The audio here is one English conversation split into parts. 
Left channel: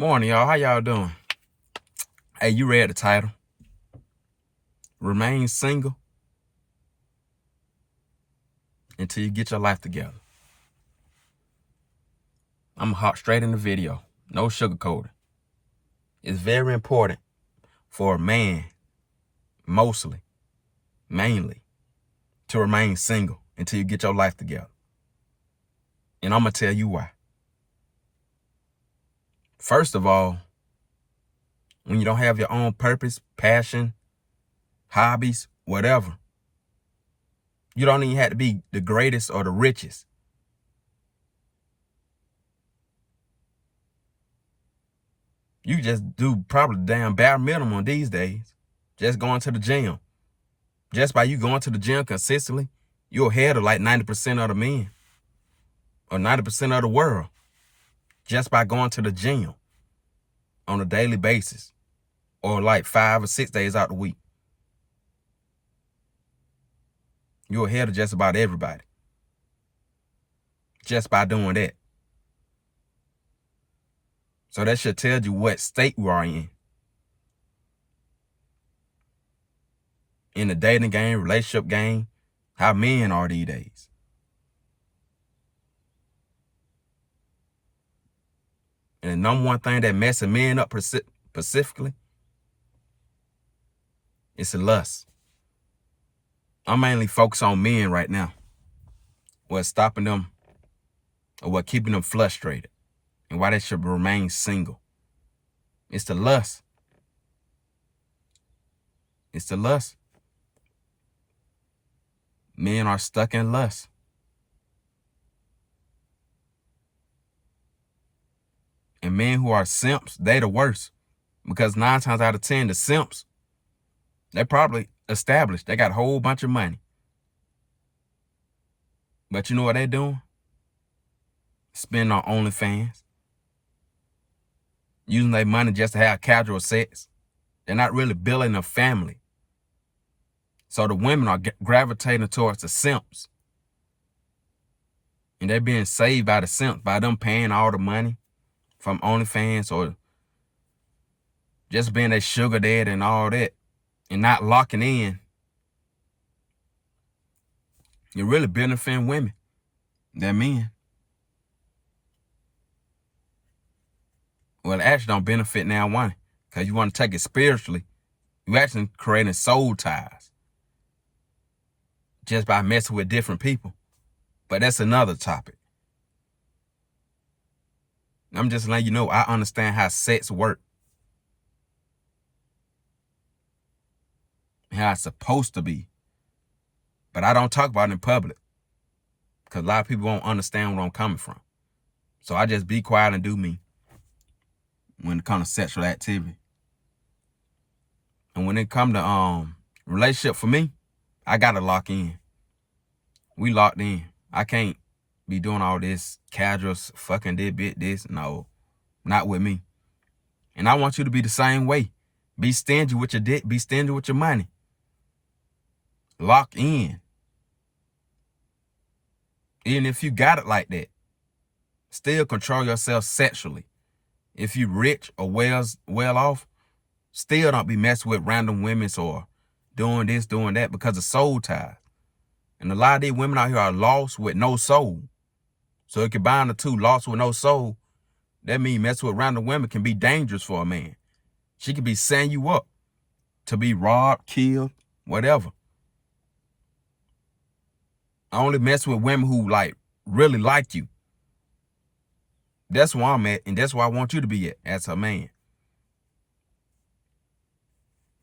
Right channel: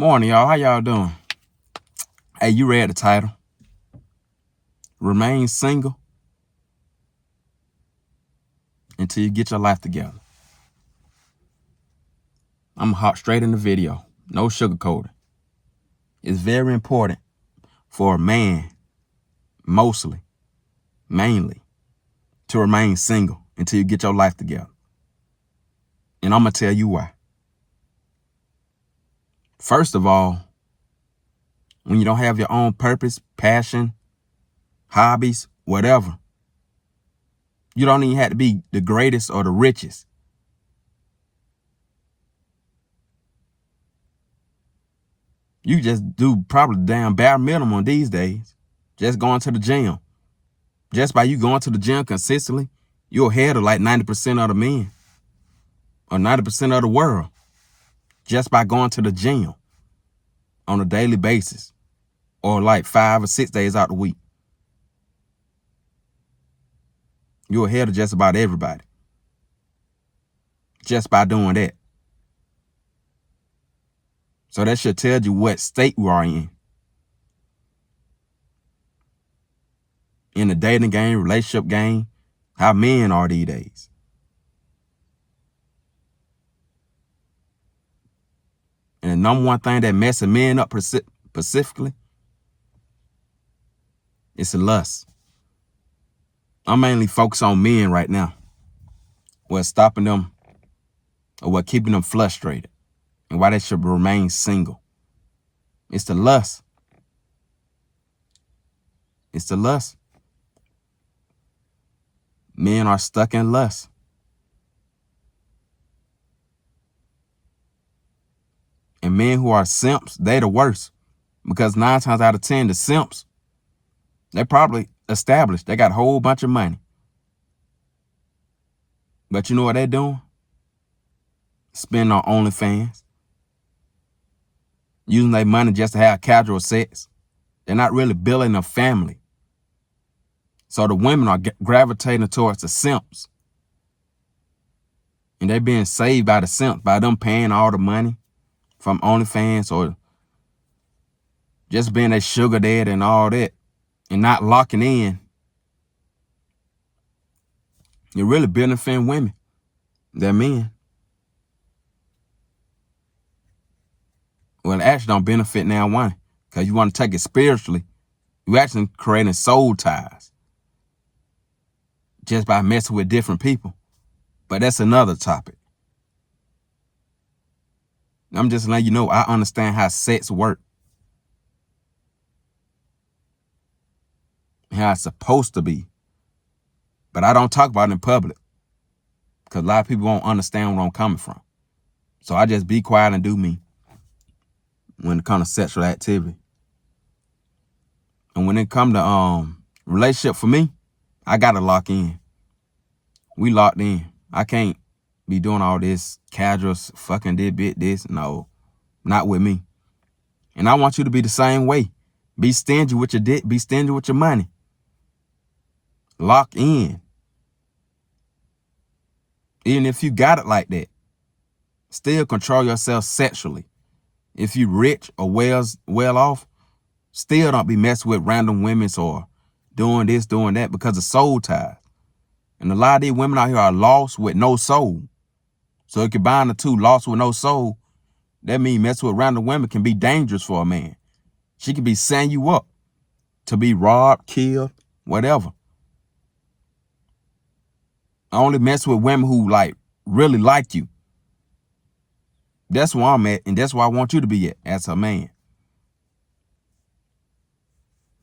Morning, y'all. How y'all doing? Hey, you read the title. Remain single until you get your life together. I'm gonna hop straight in the video. No sugarcoating. It's very important for a man, mainly, to remain single until you get your life together. And I'm gonna tell you why. First of all, when you don't have your own purpose, passion, hobbies, whatever, you don't even have to be the greatest or the richest. You just do probably the damn bare minimum these days. Just going to the gym. Just by you going to the gym consistently, you're ahead of like 90% of the men or 90% of the world just by going to the gym on a daily basis or like 5 or 6 days out the week. You're ahead of just about everybody just by doing that. So that should tell you what state we are in the dating game, relationship game, how men are these days. And the number one thing that messes men up specifically is the lust. I'm mainly focused on men right now. What's stopping them or what keeping them frustrated and why they should remain single. It's the lust. It's the lust. Men are stuck in lust. And men who are simps, they the worst. Because 9 times out of 10, the simps, they probably established. They got a whole bunch of money. But you know what they doing? Spending on OnlyFans. Using their money just to have casual sex. They're not really building a family. So the women are gravitating towards the simps. And they're being saved by the simps, by them paying all the money from OnlyFans or just being a sugar daddy and all that and not locking in. You're really benefiting women. They're men. Well, it actually don't benefit now one because you want to take it spiritually. You're actually creating soul ties just by messing with different people. But that's another topic. I'm just letting you know I understand how sex works. How it's supposed to be. But I don't talk about it in public because a lot of people won't understand where I'm coming from. So I just be quiet and do me when it comes to sexual activity. And when it comes to relationship for me, I got to lock in. We locked in. I can't be doing all this casual fucking this. No, not with me. And I want you to be the same way. Be stingy with your dick. Be stingy with your money. Lock in. Even if you got it like that, still control yourself sexually. If you rich or well off, still don't be messing with random women or doing this, doing that because of soul ties. And a lot of these women out here are lost with no soul. So if you combine the two, lost with no soul, that means messing with random women can be dangerous for a man. She could be setting you up to be robbed, killed, whatever. I only mess with women who really like you. That's where I'm at, and that's where I want you to be at as a man.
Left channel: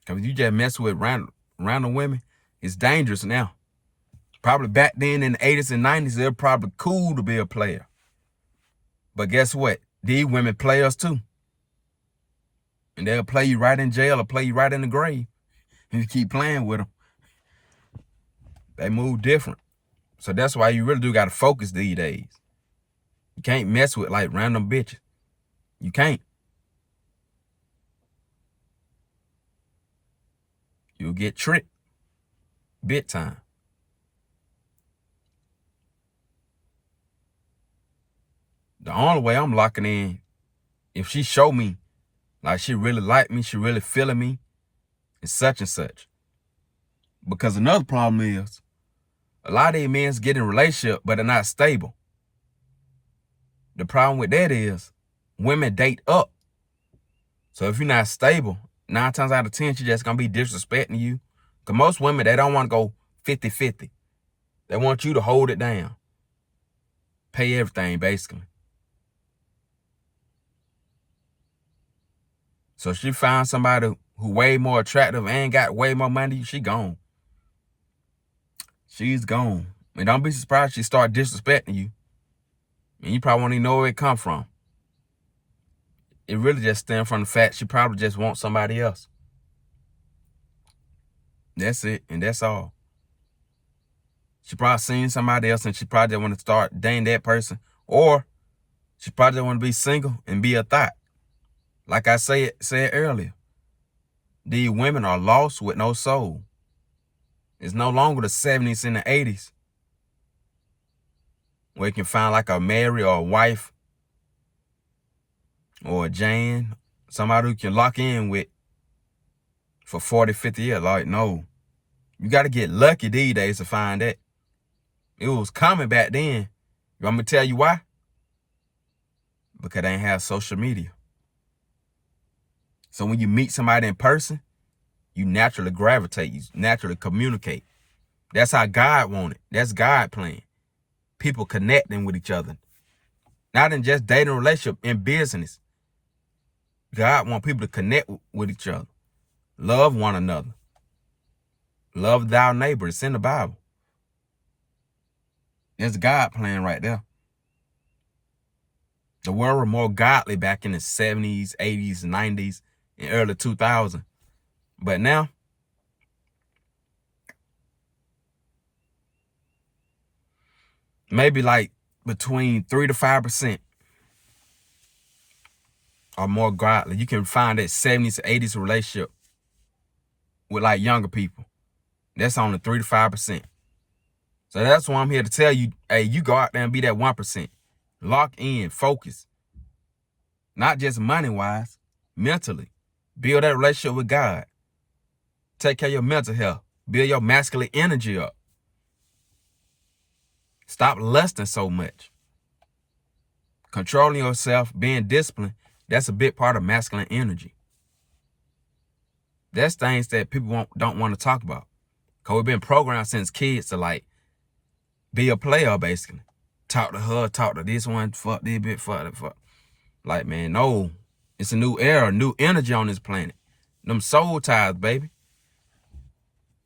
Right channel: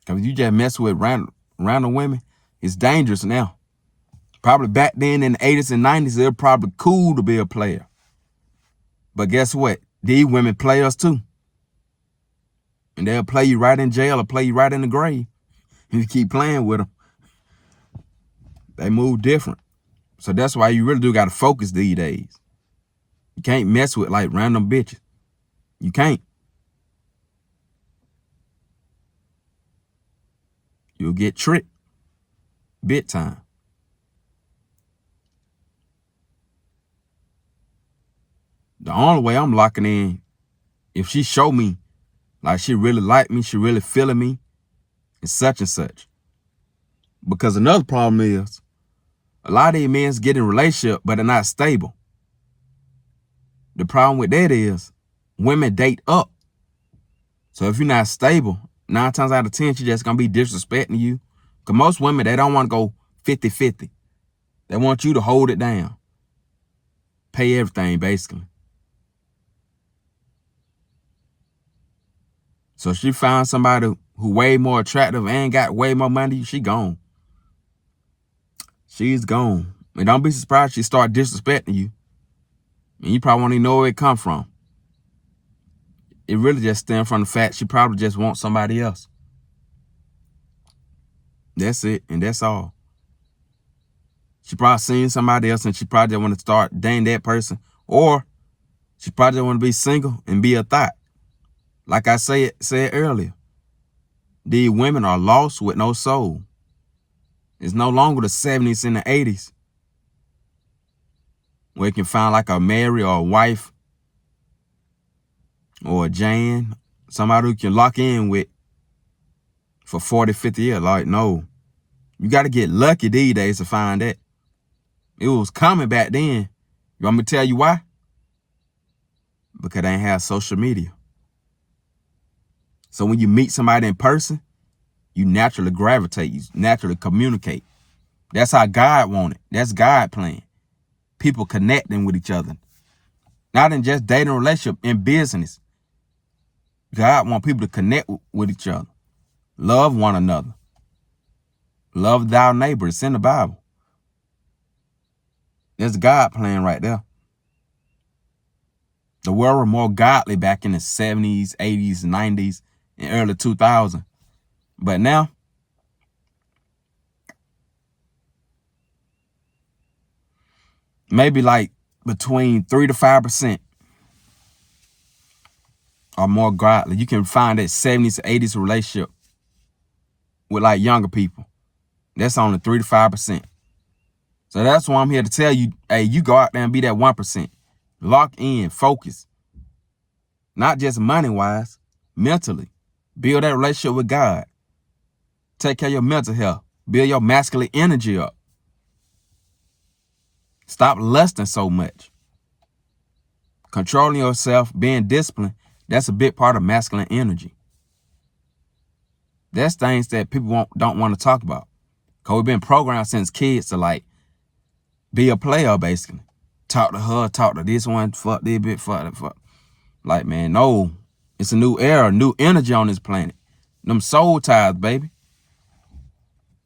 Because you just mess with random women, it's dangerous now. Probably back then in the 80s and 90s, it was probably cool to be a player. But guess what? These women play us too. And they'll play you right in jail or play you right in the grave. And you keep playing with them. They move different. So that's why you really do got to focus these days. You can't mess with random bitches. You can't. You'll get tricked. Big time. The only way I'm locking in if she show me like she really like me, she really feeling me, and such. Because another problem is a lot of these men get in a relationship, but they're not stable. The problem with that is women date up. So if you're not stable, 9 times out of 10, she's just going to be disrespecting you. Because most women, they don't want to go 50-50. They want you to hold it down. Pay everything, basically. So if she finds somebody who way more attractive and got way more money, she gone. She's gone. And don't be surprised she start disrespecting you. And you probably won't even know where it come from. It really just stems from the fact she probably just wants somebody else. That's it, and that's all. She probably seen somebody else and she probably want to start dating that person. Or she probably want to be single and be a thought. Like I said earlier, these women are lost with no soul. It's no longer the 70s and the 80s where you can find like a Mary or a wife or a Jan, somebody who you can lock in with for 40, 50 years. Like, no. You got to get lucky these days to find that. It was coming back then. You want me to tell you why? Because they ain't have social media. So when you meet somebody in person, you naturally gravitate. You naturally communicate. That's how God wanted. That's God plan. People connecting with each other. Not in just dating relationship, in business. God want people to connect with each other. Love one another. Love thy neighbor. It's in the Bible. There's God plan right there. The world was more godly back in the 70s, 80s, 90s, and early 2000s. But now, maybe like between 3 to 5% are more godly. You can find that 70s to 80s relationship with like younger people. That's only 3 to 5%. So that's why I'm here to tell you, hey, you go out there and be that 1%. Lock in, focus. Not just money-wise, mentally. Build that relationship with God. Take care of your mental health. Build your masculine energy up. Stop lusting so much. Controlling yourself, being disciplined, that's a big part of masculine energy. That's things that people don't want to talk about. Because we've been programmed since kids to like be a player, basically. Talk to her, talk to this one, fuck this bit, fuck that, fuck. Like, man, no. It's a new era, new energy on this planet. Them soul ties, baby.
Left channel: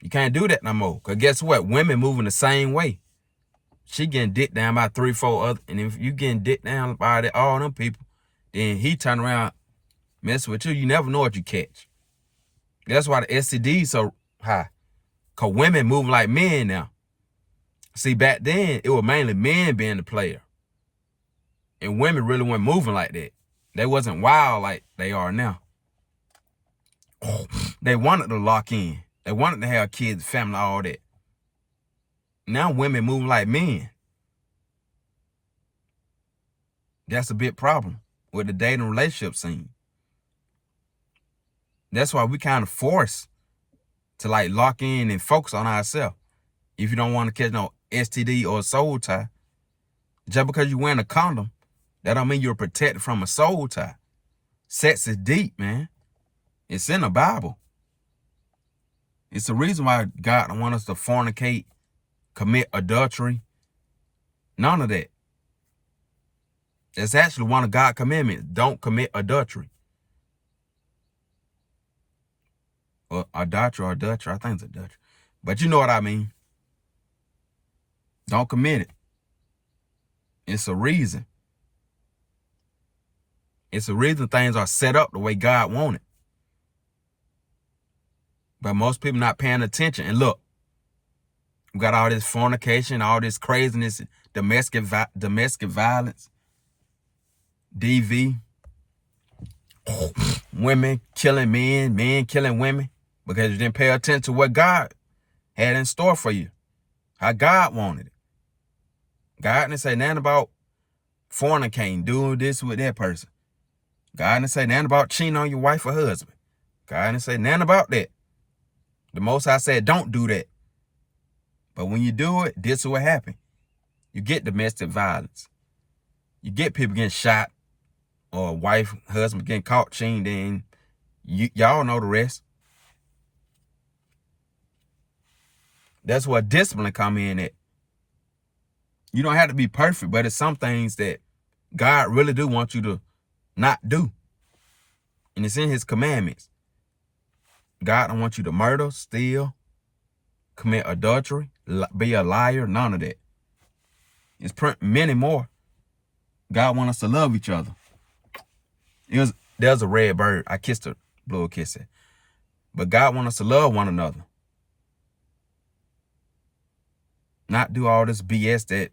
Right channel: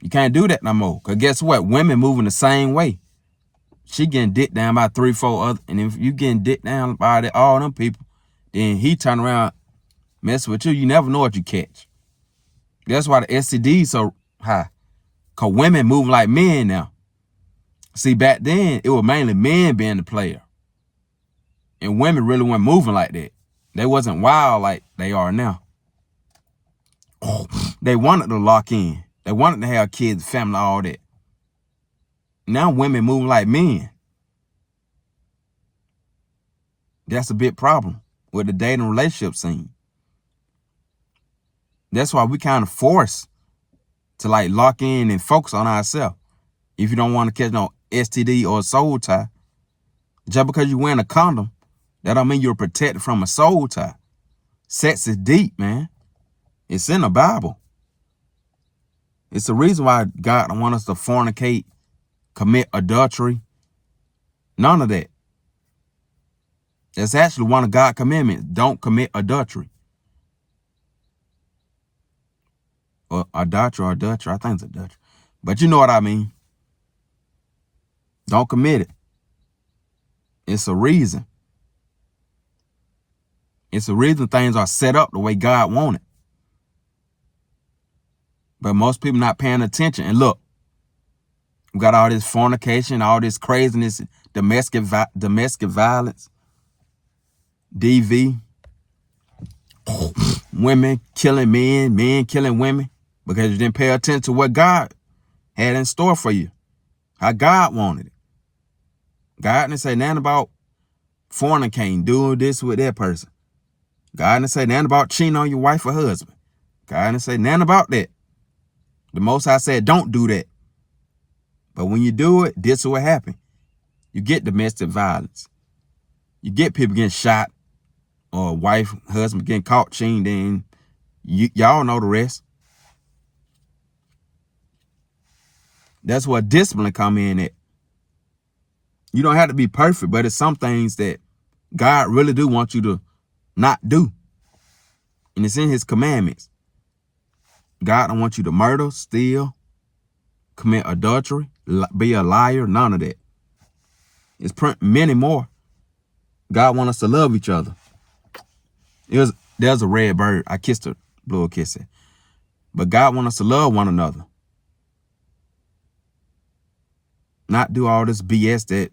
You can't do that no more. Because guess what? Women moving the same way. She getting dicked down by 3, 4 other. And if you getting dicked down by all them people, then he turn around, mess with you. You never know what you catch. That's why the STD is so high. Because women moving like men now. See, back then, it was mainly men being the player. And women really weren't moving like that. They wasn't wild like they are now. Oh, they wanted to lock in. They wanted to have kids, family, all that. Now women moving like men. That's a big problem with the dating relationship scene. That's why we kind of forced to like lock in and focus on ourselves. If you don't want to catch no STD or soul tie, just because you're wearing a condom, that don't mean you're protected from a soul tie. Sex is deep, man. It's in the Bible. It's the reason why God don't want us to fornicate, commit adultery. None of that. That's actually one of God's commandments. Don't commit adultery. Or adultery. I think it's adultery. But you know what I mean. Don't commit it. It's a reason. It's a reason things are set up the way God wanted. But most people not paying attention. And look, we got all this fornication, all this craziness, domestic violence, DV, women killing men, men killing women because you didn't pay attention to what God had in store for you, how God wanted it. God didn't say nothing about fornicating, doing this with that person. God didn't say nothing about cheating on your wife or husband. God didn't say nothing about that. The Most High said, don't do that. But when you do it, this is what happens. You get domestic violence. You get people getting shot, or wife, husband getting caught cheating. Then y'all know the rest. That's where discipline come in at. You don't have to be perfect, but it's some things that God really do want you to not do. And it's in his commandments. God don't want you to murder, steal, commit adultery, be a liar, none of that. It's many more. God wants us to love each other. There's a red bird. I kissed her, blew a kiss at. But God wants us to love one another. Not do all this BS that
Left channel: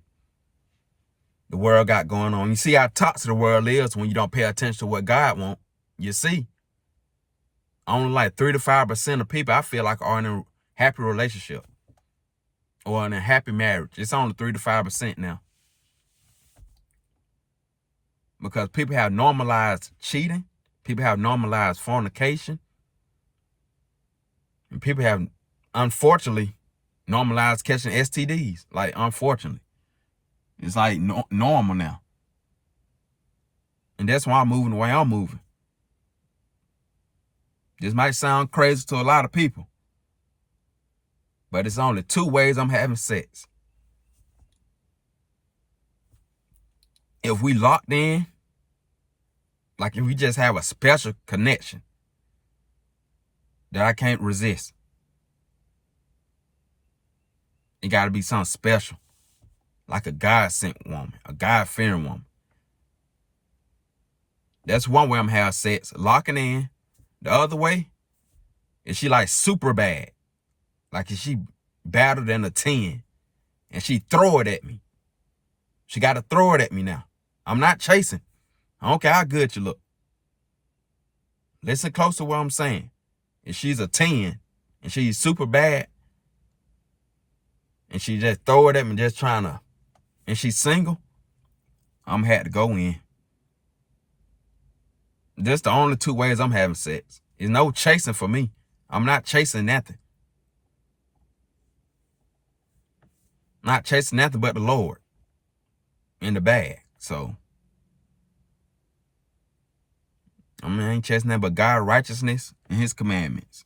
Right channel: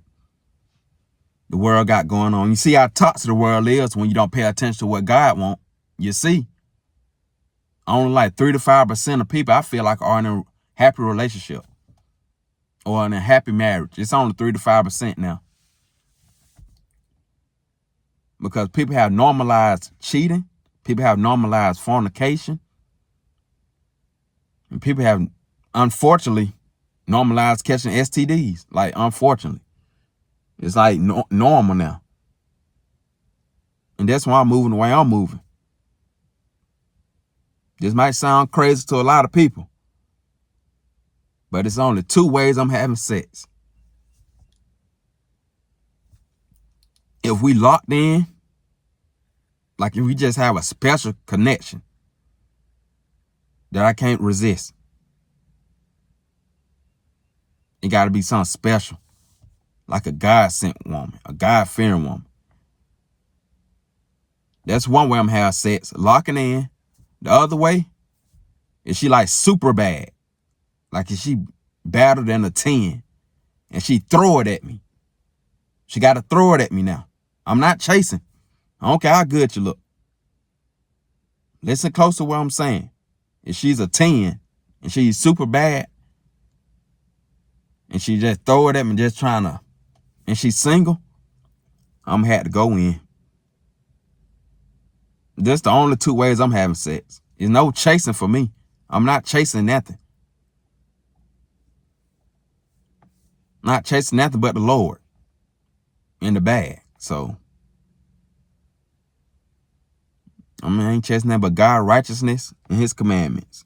the world got going on. You see how toxic the world is when you don't pay attention to what God wants. You see, only like 3 to 5% of people I feel like are in a happy relationship or in a happy marriage. It's only 3 to 5% now. Because people have normalized cheating. People have normalized fornication. And people have, unfortunately, normalized catching STDs. Like, unfortunately. It's like normal now. And that's why I'm moving the way I'm moving. This might sound crazy to a lot of people. But it's only 2 ways I'm having sex. If we locked in, like if we just have a special connection that I can't resist. It got to be something special. Like a God-sent woman, a God-fearing woman. That's one way I'm having sex, locking in. The other way is she like super bad. Like if she badder than a 10 and she throw it at me. She got to throw it at me now. I'm not chasing. I don't care how good you look. Listen close to what I'm saying. If she's a 10 and she's super bad and she just throw it at me just trying to, and she's single, I'm had to go in. That's the only 2 ways I'm having sex. There's no chasing for me. I'm not chasing nothing. Not chasing nothing but the Lord in the bag. So, I ain't chasing nothing but God's righteousness and his commandments.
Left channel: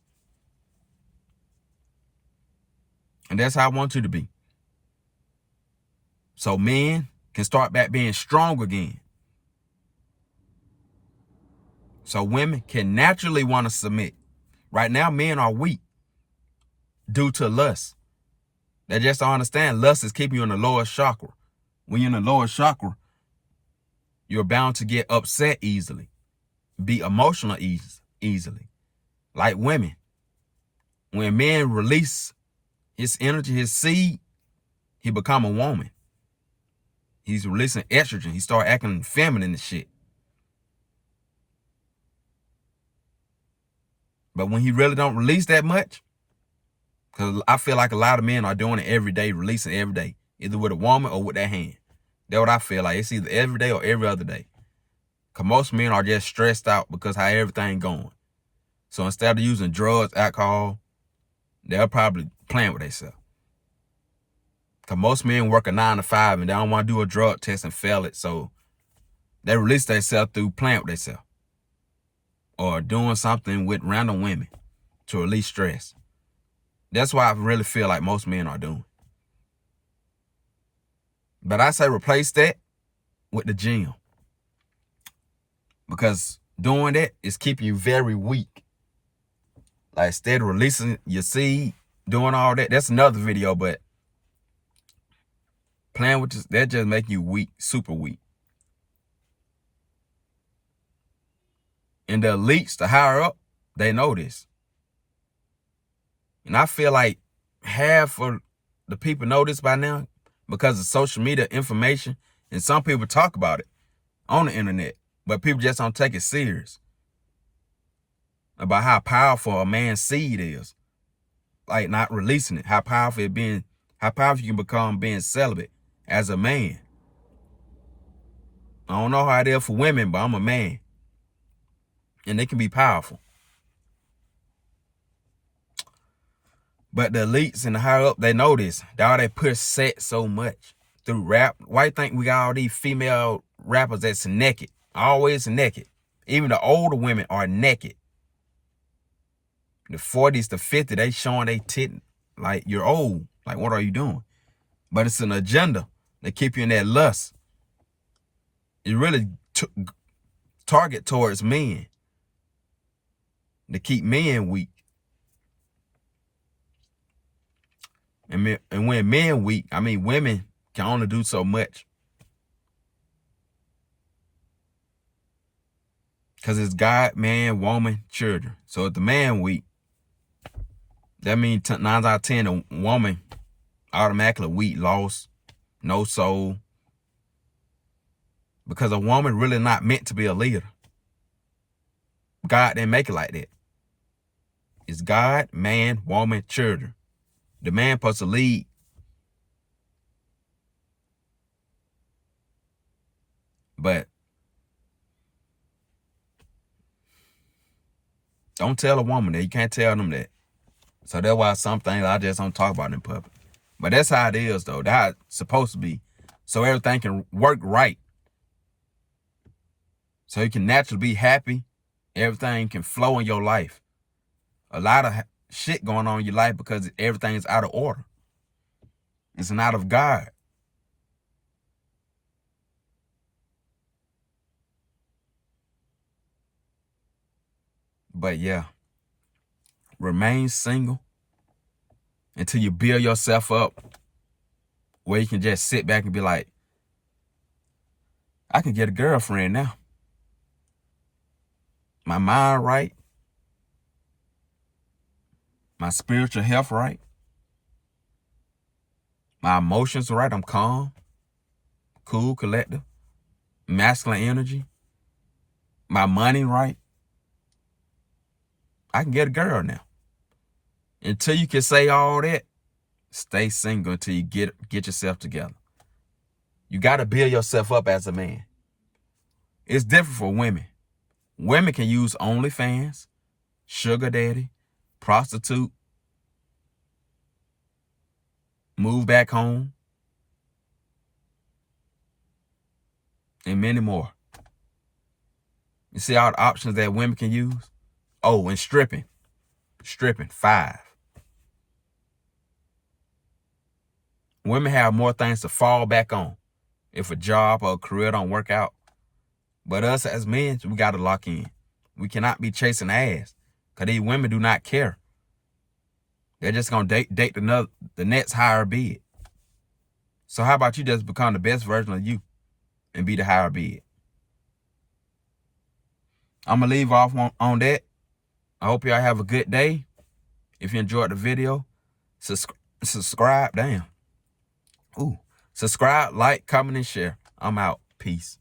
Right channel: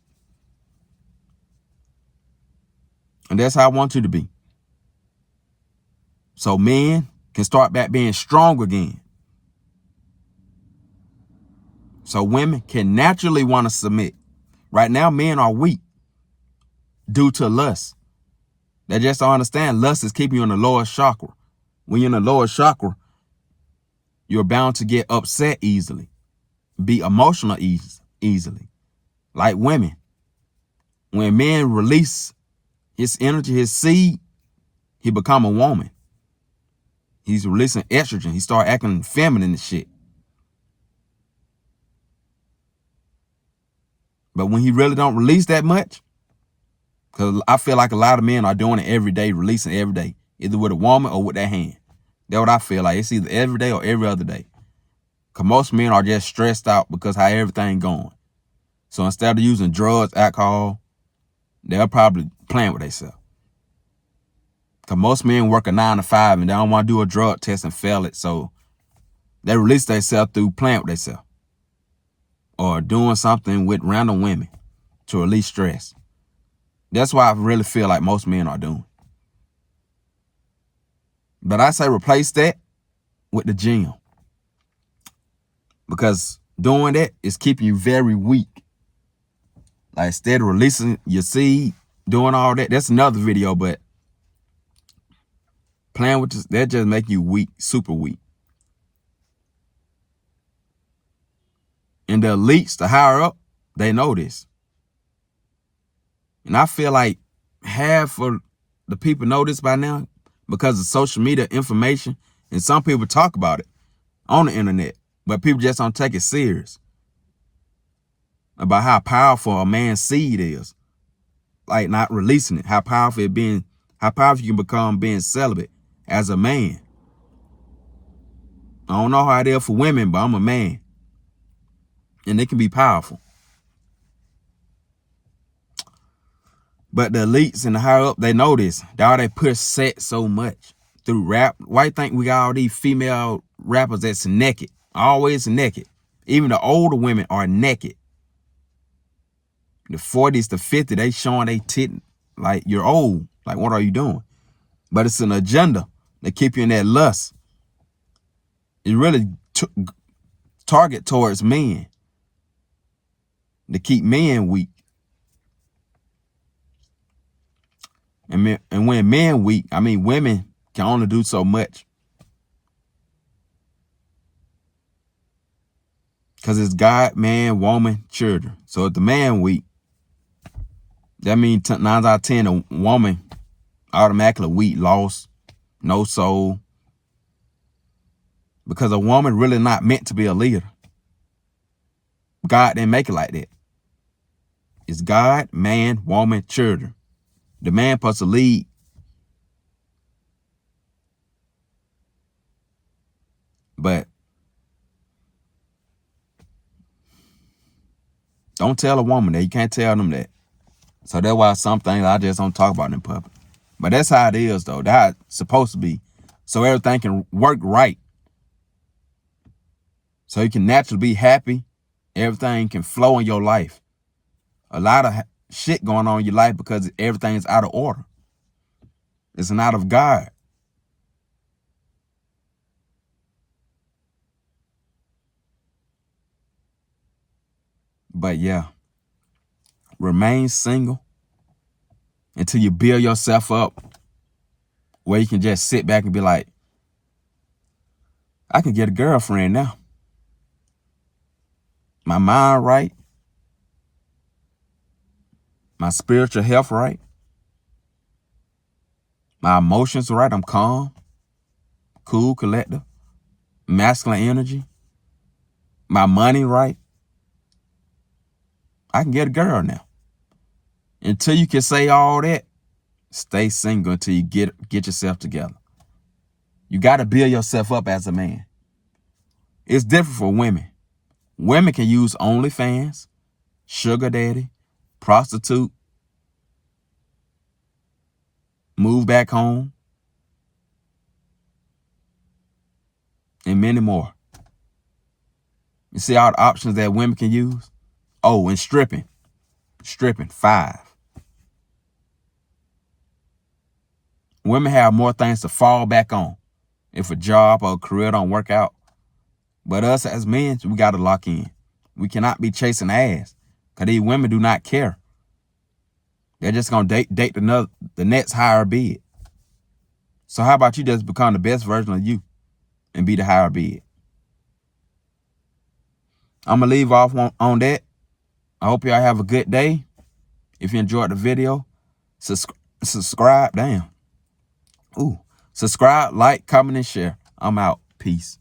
And that's how I want you to be. So men can start back being strong again. So women can naturally want to submit. Right now, men are weak due to lust. They just don't understand lust is keeping you in the lower chakra. When you're in the lower chakra, you're bound to get upset easily, be emotional easily. Like women. When men release his energy, his seed, he become a woman. He's releasing estrogen. He start acting feminine and shit. But when he really don't release that much, because I feel like a lot of men are doing it every day, releasing every day, either with a woman or with their hand. That's what I feel like. It's either every day or every other day. Because most men are just stressed out because how everything going. So instead of using drugs, alcohol, they're probably playing with themselves. Because most men work a 9 to 5 and they don't want to do a drug test and fail it. So they release themselves through playing with themselves. Or doing something with random women to release stress. That's why I really feel like most men are doing. But I say replace that with the gym. Because doing that is keeping you very weak. Like instead of releasing your seed, doing all that, that's another video, but playing with this, that just make you weak, super weak. And the elites, the higher up, they know this. And I feel like half of the people know this by now because of social media information. And some people talk about it on the internet, but people just don't take it serious. About how powerful a man's seed is. Like not releasing it. How powerful you can become being celibate as a man. I don't know how it is for women, but I'm a man. and they can be powerful. But the elites and the higher up, they know this. That's why they push sex so much through rap. Why you think we got all these female rappers that's naked? Always naked. Even the older women are naked. The 40s, the 50s, they showing they tit like you're old. Like, what are you doing? But it's an agenda to keep you in that lust. It really target towards men, to keep men weak. And when men weak, I mean, women can only do so much. Because it's God, man, woman, children. So if the man weak, that means 9 out of 10, a woman automatically weak, lost, no soul. Because a woman really not meant to be a leader. God didn't make it like that. It's God, man, woman, children. The man supposed to lead. But don't tell a woman that. You can't tell them that. So that's why some things I just don't talk about in public. But that's how it is, though. That's how it's supposed to be. So everything can work right. So you can naturally be happy. Everything can flow in your life. A lot of shit going on in your life because everything is out of order. It's not of God. But yeah, remain single until you build yourself up where you can just sit back and be like, I can get a girlfriend now. My mind right. My spiritual health right. My emotions right. I'm calm, cool, collective, masculine energy. My money right. I can get a girl now. Until you can say all that, stay single until you get yourself together. You got to build yourself up as a man. It's different for women. Women can use OnlyFans, sugar daddy, prostitute, move back home, and many more. You see all the options that women can use? Oh, and stripping. Stripping, 5. Women have more things to fall back on if a job or a career don't work out. But us as men, we got to lock in. We cannot be chasing ass because these women do not care. They're just going to date the next higher bid. So how about you just become the best version of you and be the higher bid? I'm going to leave off on that. I hope y'all have a good day. If you enjoyed the video, subscribe. Damn. Subscribe, like, comment, and share. I'm out. Peace.